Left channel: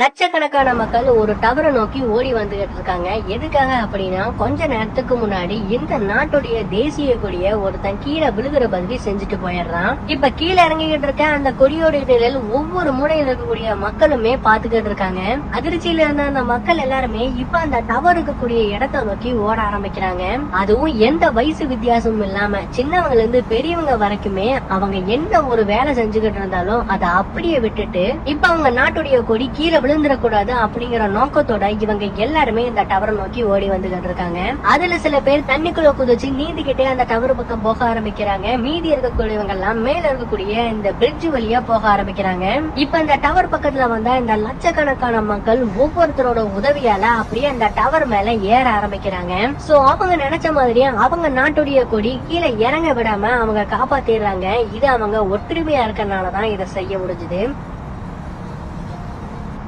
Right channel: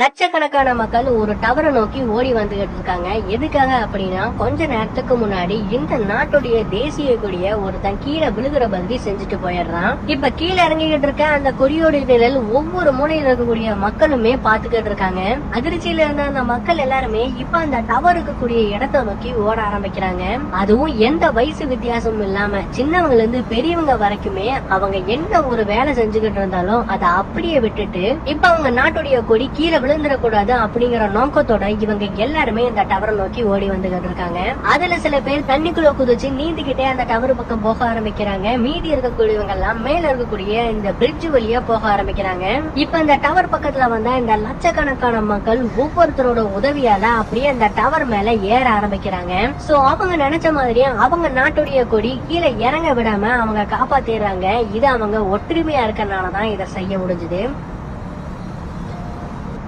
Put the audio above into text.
லட்சக்கணக்கான மக்கள் ஒரு டவரை நோக்கி ஓடி வந்துகிட்டு இருக்காங்க. எதுக்காக அப்படின்னா, கொஞ்ச நேரத்துக்கு முன்னாடி இந்த நாட்டுடைய தேசிய கொடிய ஒருத்தன் கீழே விழுகிற பகுதி செஞ்சுட்டு போயிடுறான். இப்ப கீழே இறங்கிக்கிட்டு இருக்க அந்த கொடியோட நிழல் ஒவ்வொரு மூலையில இருக்கக்கூடிய மக்களுமே பாத்துக்கிட்டு இருக்காங்க. அதிர்ச்சியில இருந்த அந்த மக்கள் எல்லாருமே இப்ப அந்த டவர் இருக்கக்கூடிய இடத்தை நோக்கி ஓட ஆரம்பிக்கிறாங்க. அதுவும் எந்த வயசு வித்தியாசமும் இல்லாம சின்னவங்கல இருந்து பெரியவங்க வரைக்குமே அவங்க என்ன ஒரு வேலை செஞ்சுக்கிட்டு இருந்தாலும் அதை அப்படியே விட்டுட்டு இப்ப அவங்க நாட்டுடைய கொடி கீழே விழுந்துடக்கூடாது அப்படிங்கிற நோக்கத்தோட இவங்க எல்லாருமே இந்த டவரை நோக்கி ஓடி வந்துகிட்டு இருக்காங்க. அதுல சில பேர் தண்ணிக்குள்ள குதிச்சு நீந்திக்கிட்டே அந்த டவர் பக்கம் போக ஆரம்பிக்கிறாங்க. மீதி இருக்கக்கூடியவங்க எல்லாம் மேல இருக்கக்கூடிய இந்த பிரிட்ஜ் வழியா போக ஆரம்பிக்கிறாங்க. இப்ப இந்த டவர் பக்கத்துல வந்தா இந்த லட்சக்கணக்கான மக்கள் ஒவ்வொருத்தரோட உதவியால அப்படியே அந்த டவர் மேல ஏற ஆரம்பிக்கிறாங்க. சோ அவங்க நினைச்ச மாதிரியே அவங்க நாட்டுடைய கொடி கீழே இறங்க விடாம அவங்க காப்பாத்திடுறாங்க. இது அவங்க ஒற்றுமையா இருக்கறனாலதான் இதை செய்ய முடிஞ்சது.